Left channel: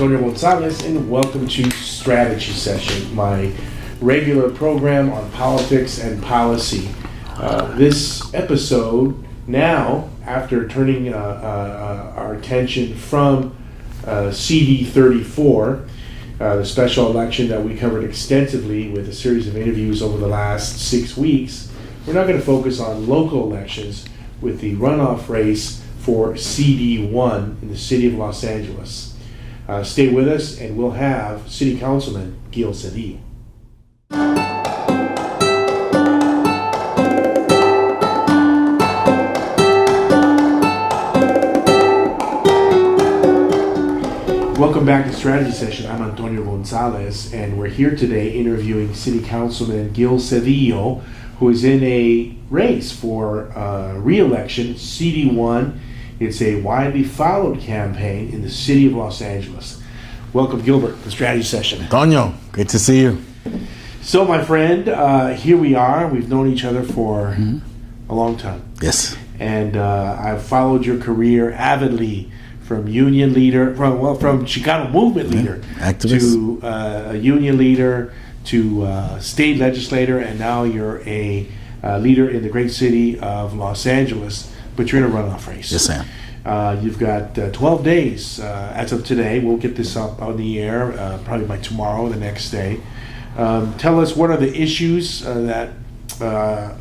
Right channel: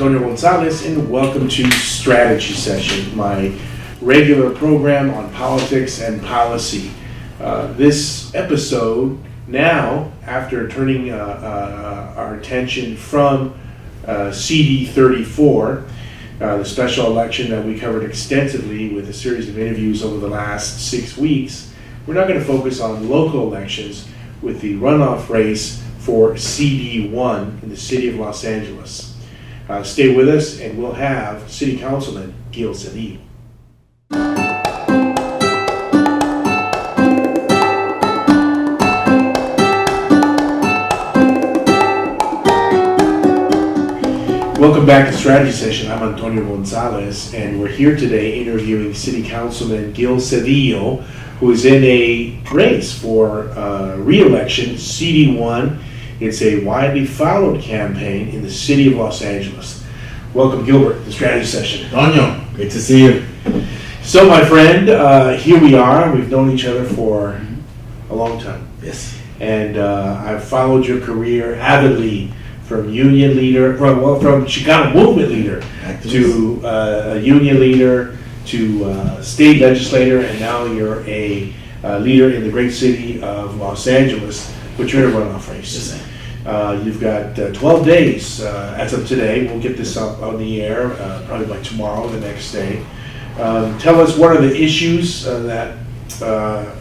Antonio Gonzalez, and welcome to Strategy Session, my regular program on politics and policy. This episode, now, after turning our attention from CD 34, the special election that we covered extensively with a series of interviews over the last 6 weeks, we're now going to focus on local elections with the runoff race for CD1 in the city of Los Angeles. Stay with us and we'll have City Councilman Gil Cedillo. Welcome back to Strategy Session. I'm Antonio Gonzalez, and we're here today interviewing City Councilman Gil Cedillo, who is in a race for re-election, CD1. It's a widely followed campaign in the city of Los Angeles. Welcome, Gilbert, to the Strategy Session. Antonio, good to see you. So, my friend, here we are. We've known each other for a long time. Yes. And I've followed your career avidly, from union leader, from Chicano movement leader, activist, to a union leader, to state legislator, and now you're a leader in the great city of Los Angeles, but you're in a runoff race. Yes, ma'am. You've got 12 days as of today. We'll get this up on the air probably by tomorrow, the next day. Tell us, what are the issues that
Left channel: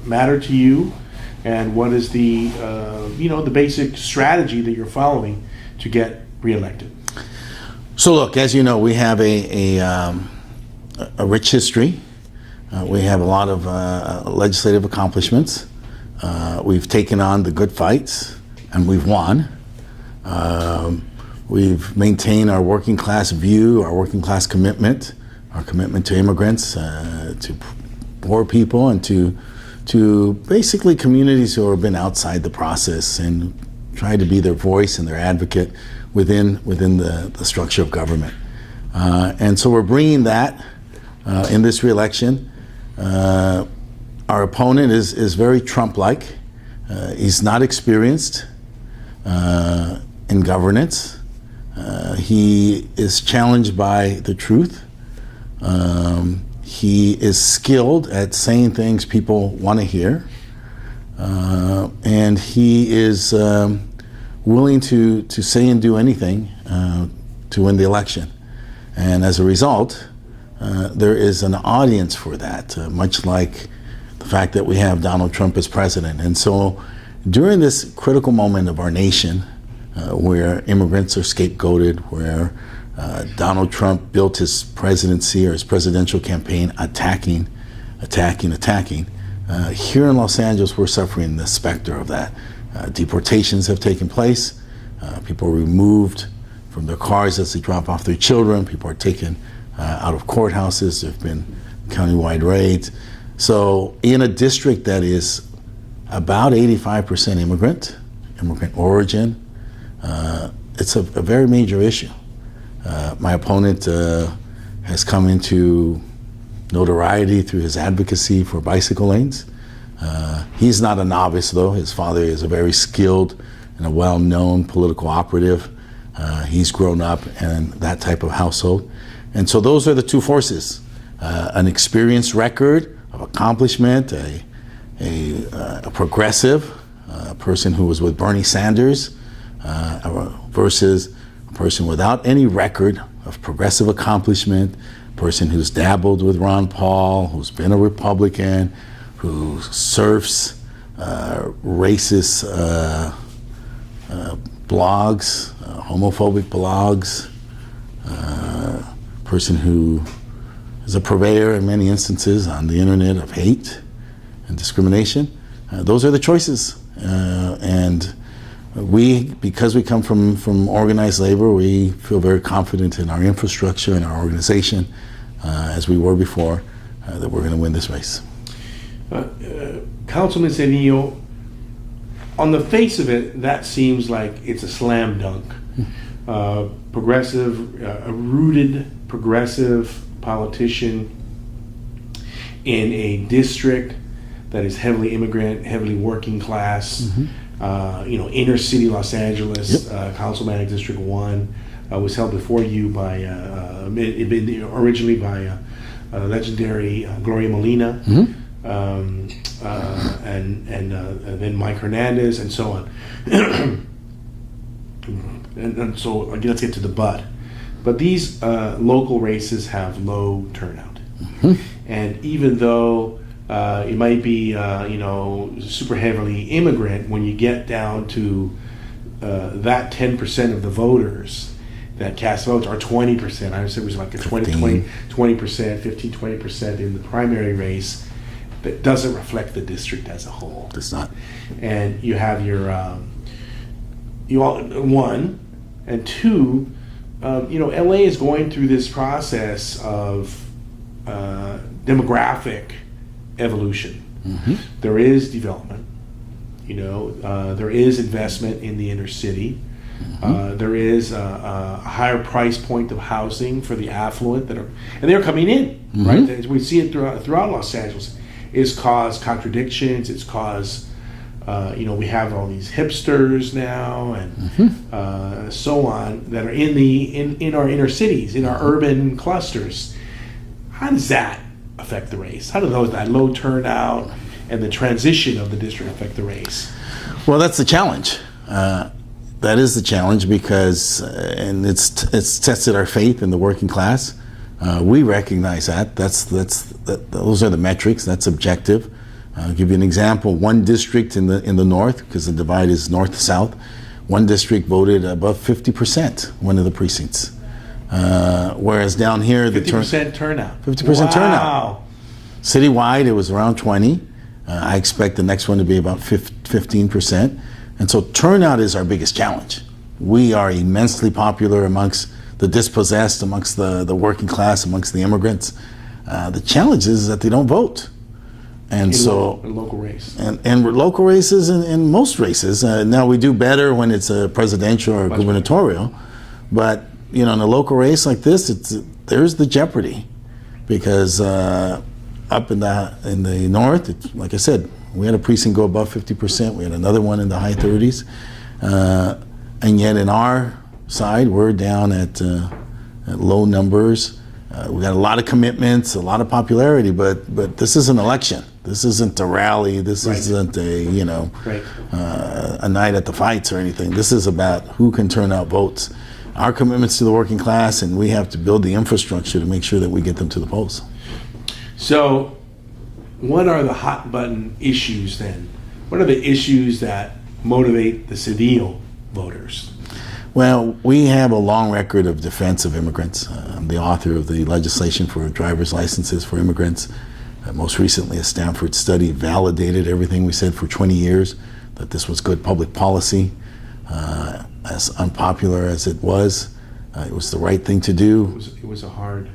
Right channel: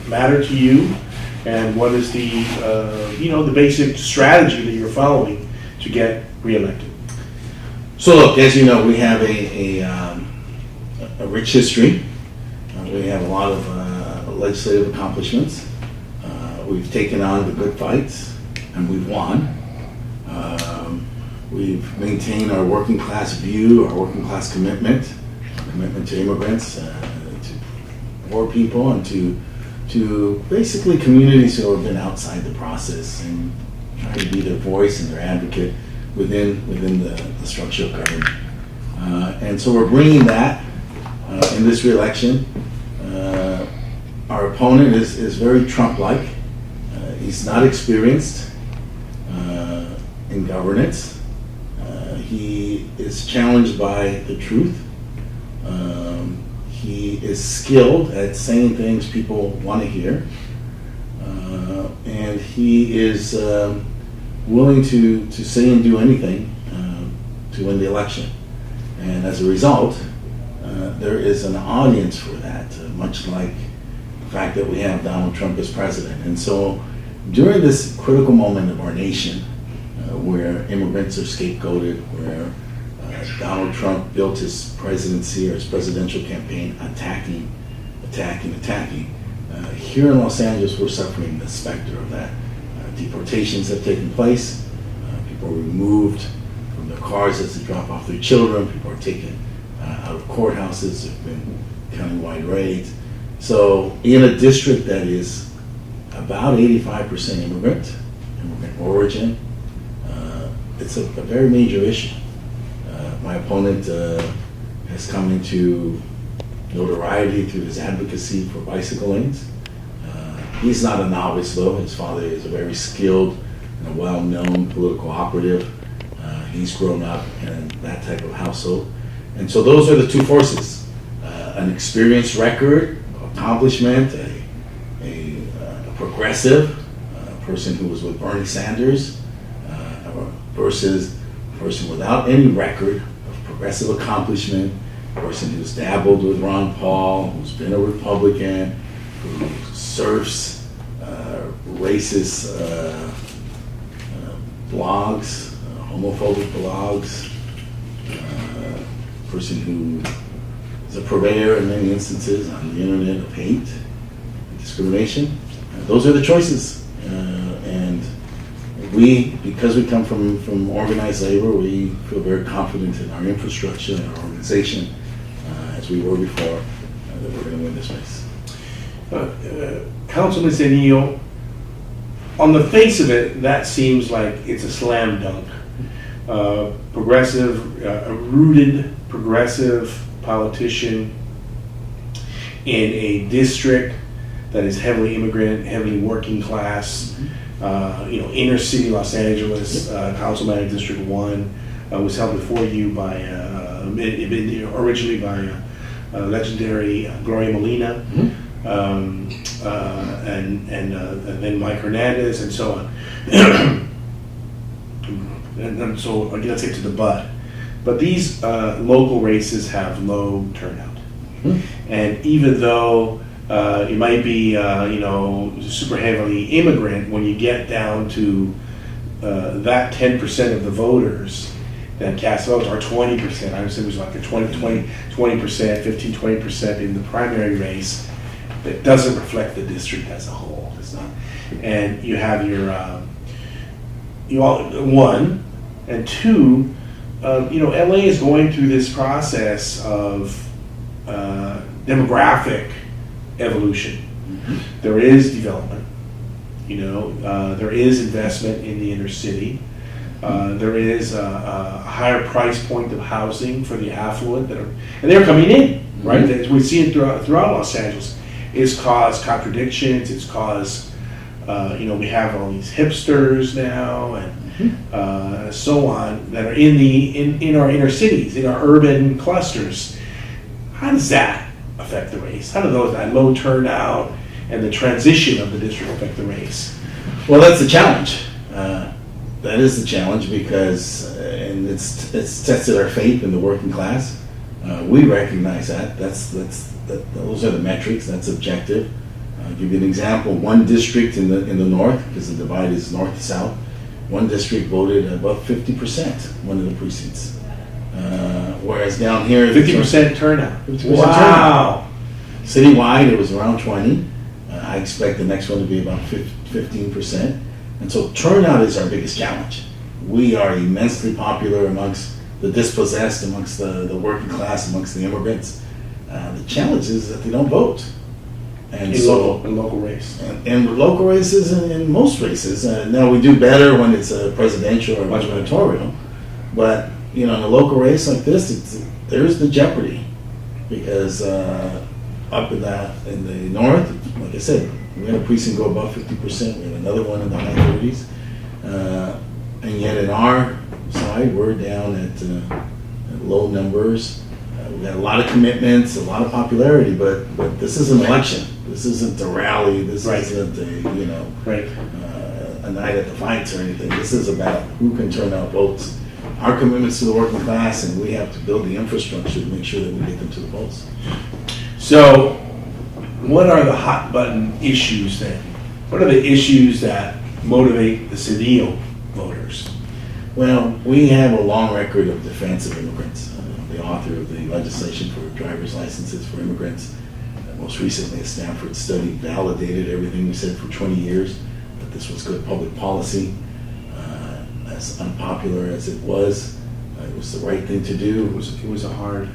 matter to you, and what is the the basic strategy that you're following to get reelected? So look, as you know, we have a rich history. We have a lot of legislative accomplishments. We've taken on the good fights, and we've won. We've maintained our working class view, our working class commitment, our commitment to immigrants, to poor people, and to basically communities who have been outside the process, and try to be their voice and their advocate within the structure of government. And so we're bringing that in this re-election. Our opponent is very Trump-like. He's not experienced in governance. He is challenged by the truth. He is skilled at saying things people want to hear. And he is willing to say and do anything to win the election. And as a result, there is an audience for that, much like the fact that we have Donald Trump as president. And so during this critical moment of our nation, where immigrants are scapegoated, where Donald Trump built his presidency or his presidential campaign attacking, here in Los Angeles, we're suffering the specter of that. Deportations have taken place. People are removed from their cars as they drop off their children. People are taken out of courthouses. There have been countywide raids. So in a district that is about 85% immigrant origin, it's a very major issue. My opponent has come into notoriety through his advocacy for bicycle lanes. He's not a novice, though. His father is a very skilled and a well-known political operative. He's grown up in that type of household. And so those are the two forces. An experienced record of accomplishment, a progressive, a person who was with Bernie Sanders, versus a person without any record of progressive accomplishment, a person who's dabbled with Ron Paul, who's been a Republican, who surfs racist blogs, homophobic blogs, person who is a purveyor in many instances on the internet of hate and discrimination. Those are the choices. And because we come from organized labor, we feel very confident in our infrastructure and our organization, as we were before, that we're going to win this race. Councilman Cedillo, on the face of it, that seems like it's a slam dunk. Progressive, a rooted progressive politician in a district that is heavily immigrant, heavily working class, inner city Los Angeles, Councilman District 1, was held before you by originally by legendary Gloria Molina, and then Mike Hernandez, and so on. and so let's get to the but. But these local races have low turnout, and even though it might be super heavily immigrant, when you get down to that 10% of the voters that cast votes, or 20%, I would say it was like a 20%, 15-20% in the primary race, that doesn't reflect the district as a whole. It's not. And you have your one and two. LA is going through this process of demographic evolution. There is development. There is investment in the inner city. There is a higher price point of housing for the affluent and they're coming in, right? As we see it throughout Los Angeles. It's caused contradictions. It's caused, we have all these hipsters now and so on that are in our inner cities, in our urban clusters. How does that affect the race? How do that low turnout and the transition of the district affect the race? Well, that's the challenge. That is the challenge because, and it's tested our faith in the working class. We recognize that. Those are the metrics. That's objective. I'll give you an example. One district in the north, because the divide is north to south, one district voted above 50%, one of the precincts. Whereas down here, 50% turnout. 50% wow. turnout. Citywide, it was around 20. I expect the next one to be about 15%. And so turnout is our biggest challenge. We are immensely popular amongst the dispossessed, amongst the working class, amongst the immigrants. The challenge is that they don't vote. And in local race. And with local races and in most races. Now we do better when it's a presidential or gubernatorial. But in a local race like this, there's the jeopardy. Because up in the north, like I said, we had a precinct go above 50%. We had another one in the high 30s. And yet in our side, we're down at low numbers. We got a lot of commitments, a lot of popularity, but this is an election. This isn't a rally. This isn't a night at the fights or anything. This is about who can turn out votes. Our commitments to the working class, and we have to build the infrastructure to make sure that we get them to the polls. So, what are the hot button issues then? What are the issues that motivate the Cedillo voters? Well, we have a long record of defense of immigrants. I'm the author of the legislation for driver's licenses for immigrants. Most recently, a Stanford study validated everything we said for 20 years, that this was good public policy. As unpopular as it was the right thing to do. It was a hard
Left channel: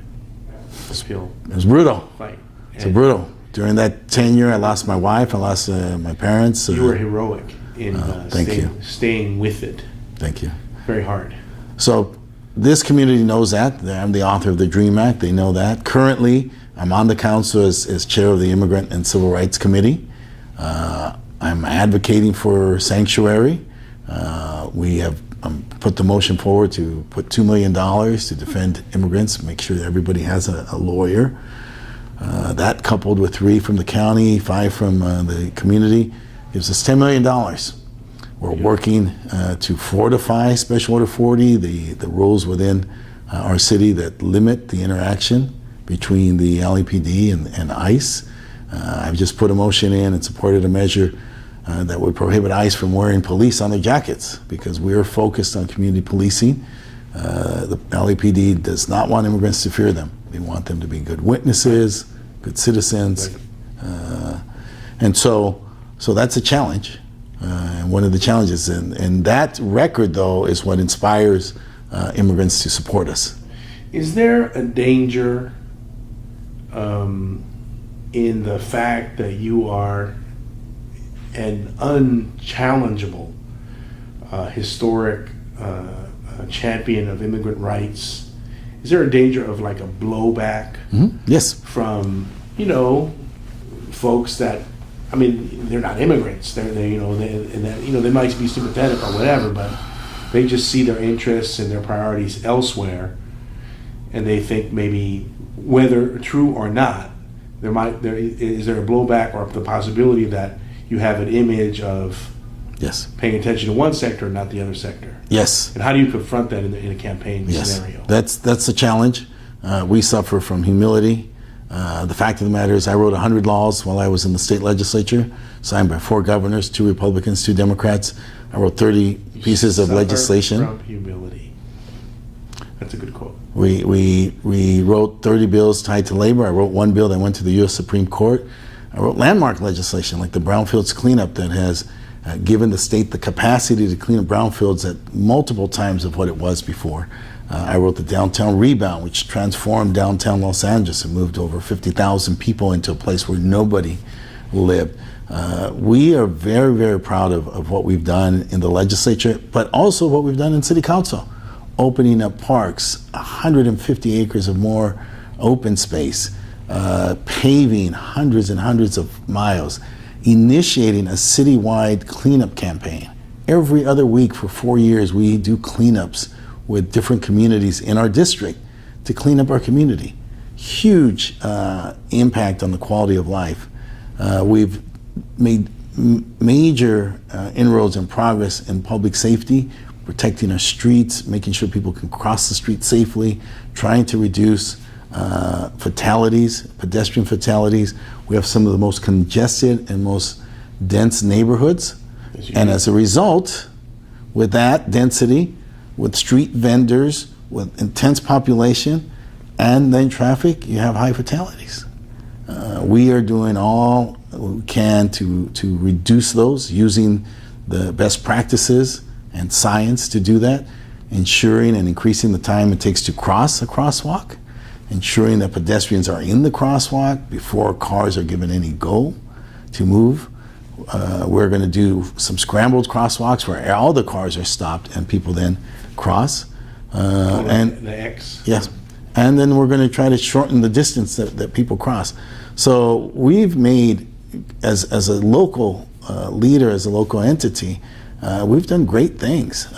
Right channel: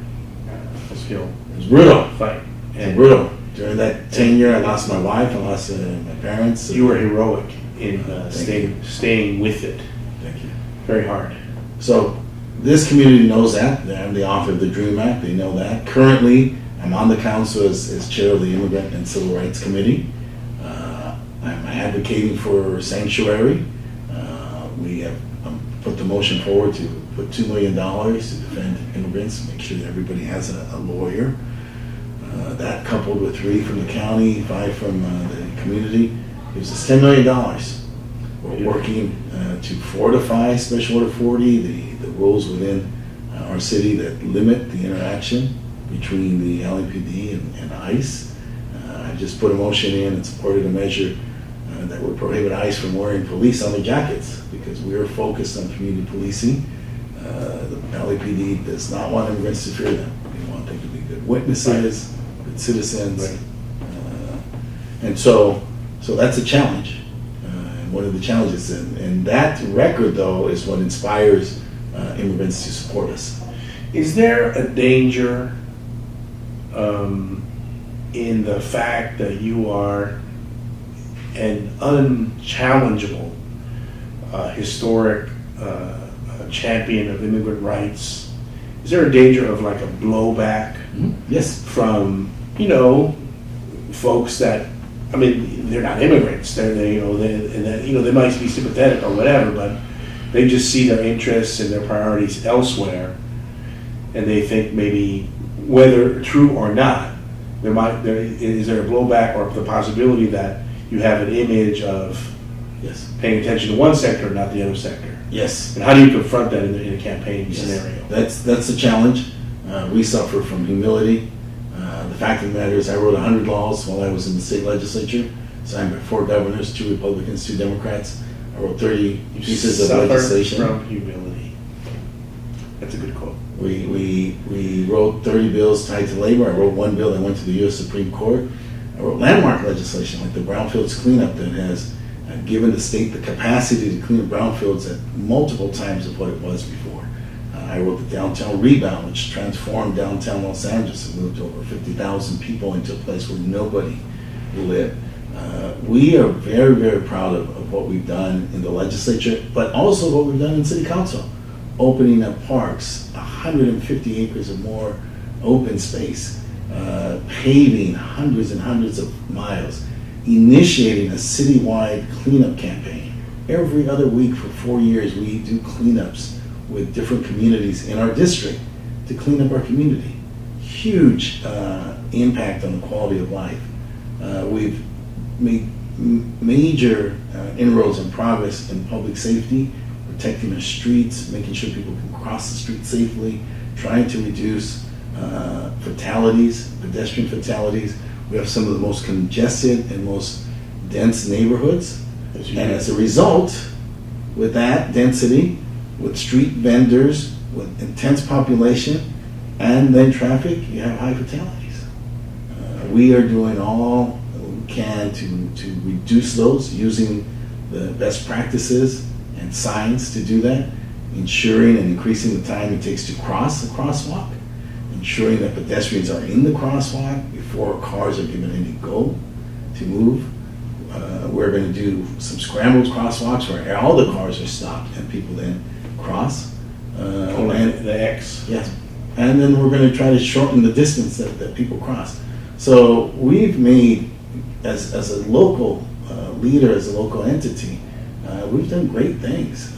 skill. It was brutal. Fight. It's brutal. During that tenure, I lost my wife, I lost my parents. You were heroic in staying with it. Thank you. Very hard. So this community knows that. I'm the author of the DREAM Act. They know that. Currently, I'm on the council as chair of the Immigrant and Civil Rights Committee. I'm advocating for sanctuary. We have put the motion forward to put $2 million to defend immigrants, make sure that everybody has a lawyer. That coupled with 3 from the county, 5 from the community, gives us $10 million. We're working to fortify Special Order 40, the rules within our city that limit the interaction between the LAPD and ICE. I've just put a motion in and supported a measure that would prohibit ICE from wearing police on their jackets because we are focused on community policing. The LAPD does not want immigrants to fear them. They want them to be good witnesses, good citizens. Right. And so that's a challenge. And one of the challenges, and that record though is what inspires immigrants to support us. Is there a danger in the fact that you are an unchallengeable historic champion of immigrant rights? Is there a danger of like a blowback? Yes. From folks that, they're not immigrants. They might be sympathetic or whatever, but They just see their interests and their priorities elsewhere, and they think maybe, whether true or not, is there a blowback or the possibility that you have an image of Yes. paying attention to one sector and not the other sector? Yes. And how do you confront that in a campaign Yes. scenario? That's the challenge. We suffer from humility. The fact of the matter is I wrote 100 laws while I was in the state legislature, signed by 4 governors, 2 Republicans, 2 Democrats. I wrote 30 pieces of Suffer legislation. from humility. That's a good quote. We wrote 30 bills tied to labor. I wrote 1 bill that went to the U.S. Supreme Court. I wrote landmark legislation like the brownfields cleanup that has given the state the capacity to clean up brownfields at multiple times of what it was before. I wrote the downtown rebound, which transformed downtown Los Angeles and moved over 50,000 people into a place where nobody lived. We are very, very proud of what we've done in the legislature, but also what we've done in city council. Opening up parks, 150 acres of more open space, paving hundreds and hundreds of miles, initiating a citywide cleanup campaign. Every other week for 4 years, we do cleanups with different communities in our district to clean up our community. Huge impact on the quality of life. We've made major inroads and progress in public safety, protecting our streets, making sure people can cross the street safely, trying to reduce fatalities, pedestrian fatalities. We have some of the most congested and most dense neighborhoods. And as a result, with that density, with street vendors, with intense population, and then traffic, you have high fatalities. We are doing all we can to reduce those, using the best practices and science to do that, ensuring and increasing the time it takes to cross a crosswalk, ensuring that pedestrians are in the crosswalk before cars are given any go to move. We're going to do some scrambled crosswalks where all the cars are stopped and people then cross. And the X. Yes. And then we're going to try to shorten the distance that people cross. So we've made, as a local leader, as a local entity, we've done great things.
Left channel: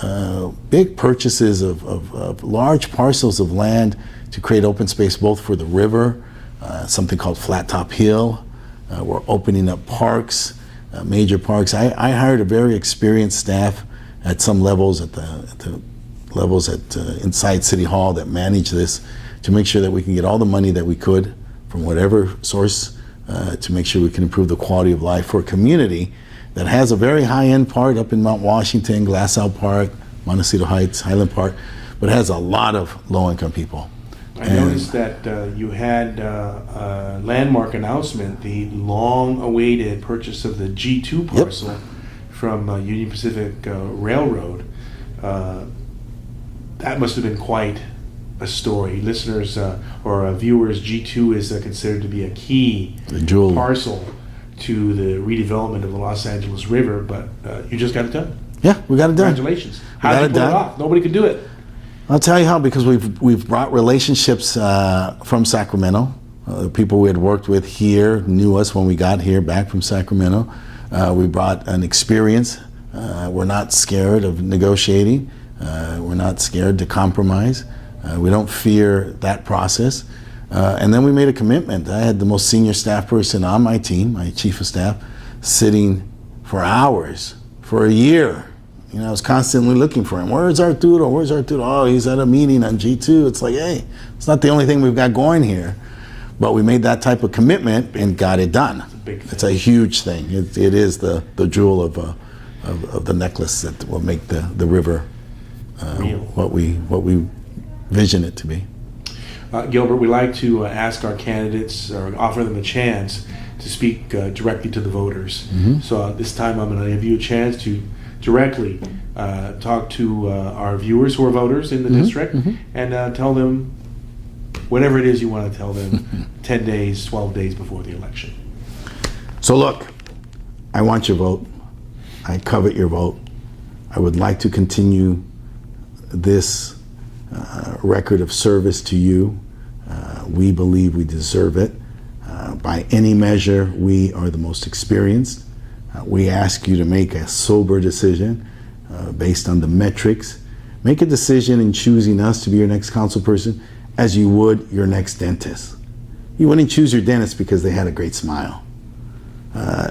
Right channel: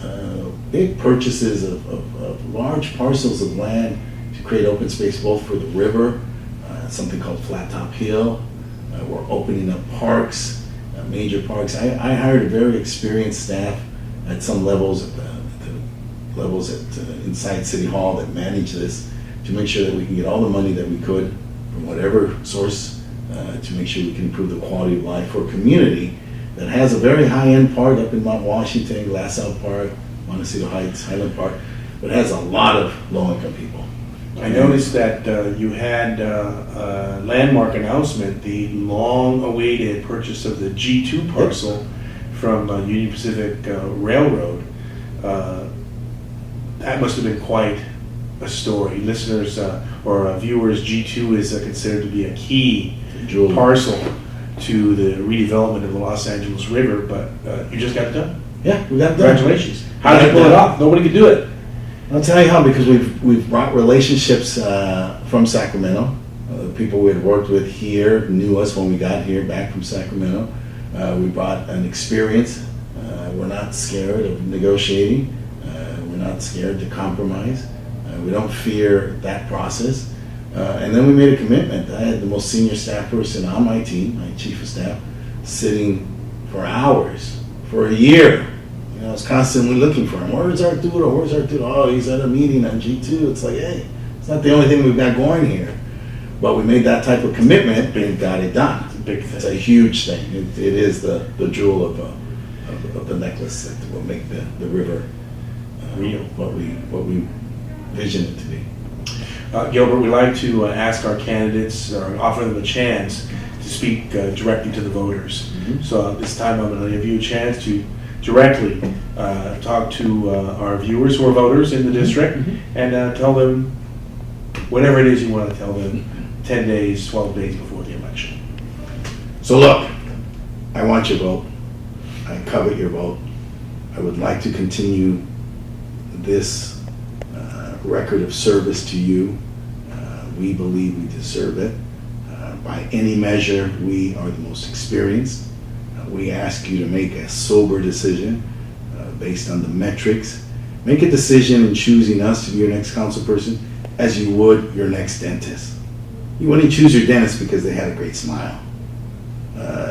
Big purchases of large parcels of land to create open space both for the river, something called Flat Top Hill. We're opening up parks, major parks. I hired a very experienced staff at some levels, at the levels inside City Hall that manage this, to make sure that we can get all the money that we could from whatever source to make sure we can improve the quality of life for a community that has a very high-end part up in Mount Washington, Glassell Park, Montecito Heights, Highland Park, but has a lot of low-income people. I noticed that you had a landmark announcement, the long-awaited purchase of the G2 parcel from Union Pacific Railroad. That must have been quite a story. Listeners or viewers, G2 is considered to be a key parcel to the redevelopment of the Los Angeles River, but you just got it done. Yeah, we got it done. Congratulations. How did you pull it off? Nobody could do it. I'll tell you how, because we've brought relationships from Sacramento. People we had worked with here knew us when we got here back from Sacramento. We brought an experience. We're not scared of negotiating. We're not scared to compromise. We don't fear that process. And then we made a commitment. I had the most senior staff person on my team, my chief of staff, sitting for hours, for a year. You know, I was constantly looking for him. Where's Arturo? Where's Arturo? Oh, he's at a meeting on G2. It's like, hey, it's not the only thing we've got going here. But we made that type of commitment and got it done. It's a huge thing. It is the jewel of the necklace that will make the river what we vision it to be. Gilbert, we like to ask our candidates, or offer them a chance to speak directly to the voters. Mm-hmm. So this time I'm going to give you a chance to directly talk to our viewers who are voters in the district, and tell them whatever it is you want to tell them 10 days, 12 days before the election. So look, I want your vote. I covet your vote. I would like to continue this record of service to you. We believe we deserve it. By any measure, we are the most experienced. We ask you to make a sober decision based on the metrics Make a decision in choosing us to be your next council person as you would your next dentist. You wouldn't choose your dentist because they had a great smile.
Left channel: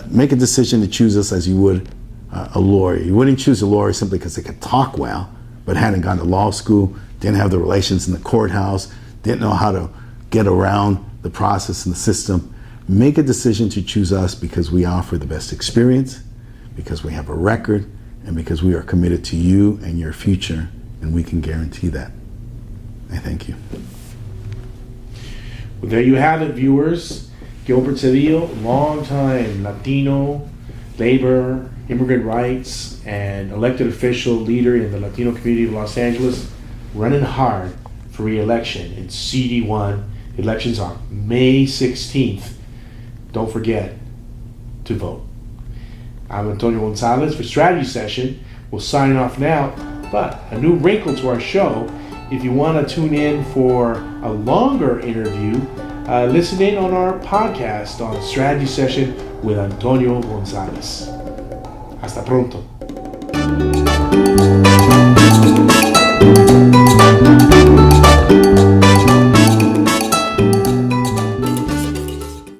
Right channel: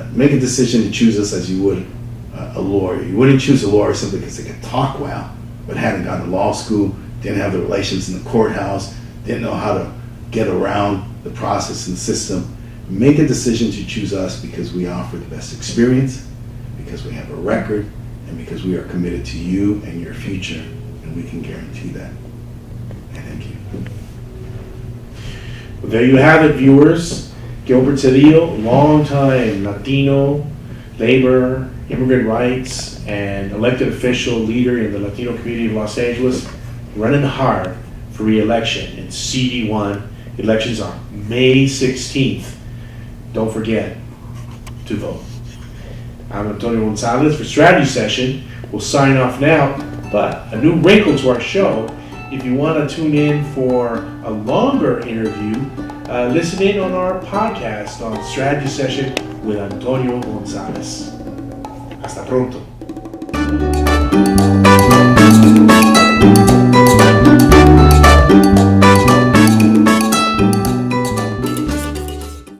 Make a decision to choose us as you would a lawyer. You wouldn't choose a lawyer simply because they could talk well, but hadn't gone to law school, didn't have the relations in the courthouse, didn't know how to get around the process and the system. Make a decision to choose us because we offer the best experience, because we have a record, and because we are committed to you and your future, and we can guarantee that. I thank you. Well, there you have it, viewers. Gilbert Cedillo, longtime Latino, labor, immigrant rights, and elected official leader in the Latino community of Los Angeles, running hard for re-election in CD1. Elections are May 16th. Don't forget to vote. I'm Antonio Gonzalez for Strategy Session. We'll sign off now, but a new wrinkle to our show. If you want to tune in for a longer interview, listen in on our podcast on Strategy Session with Antonio Gonzalez. Hasta pronto.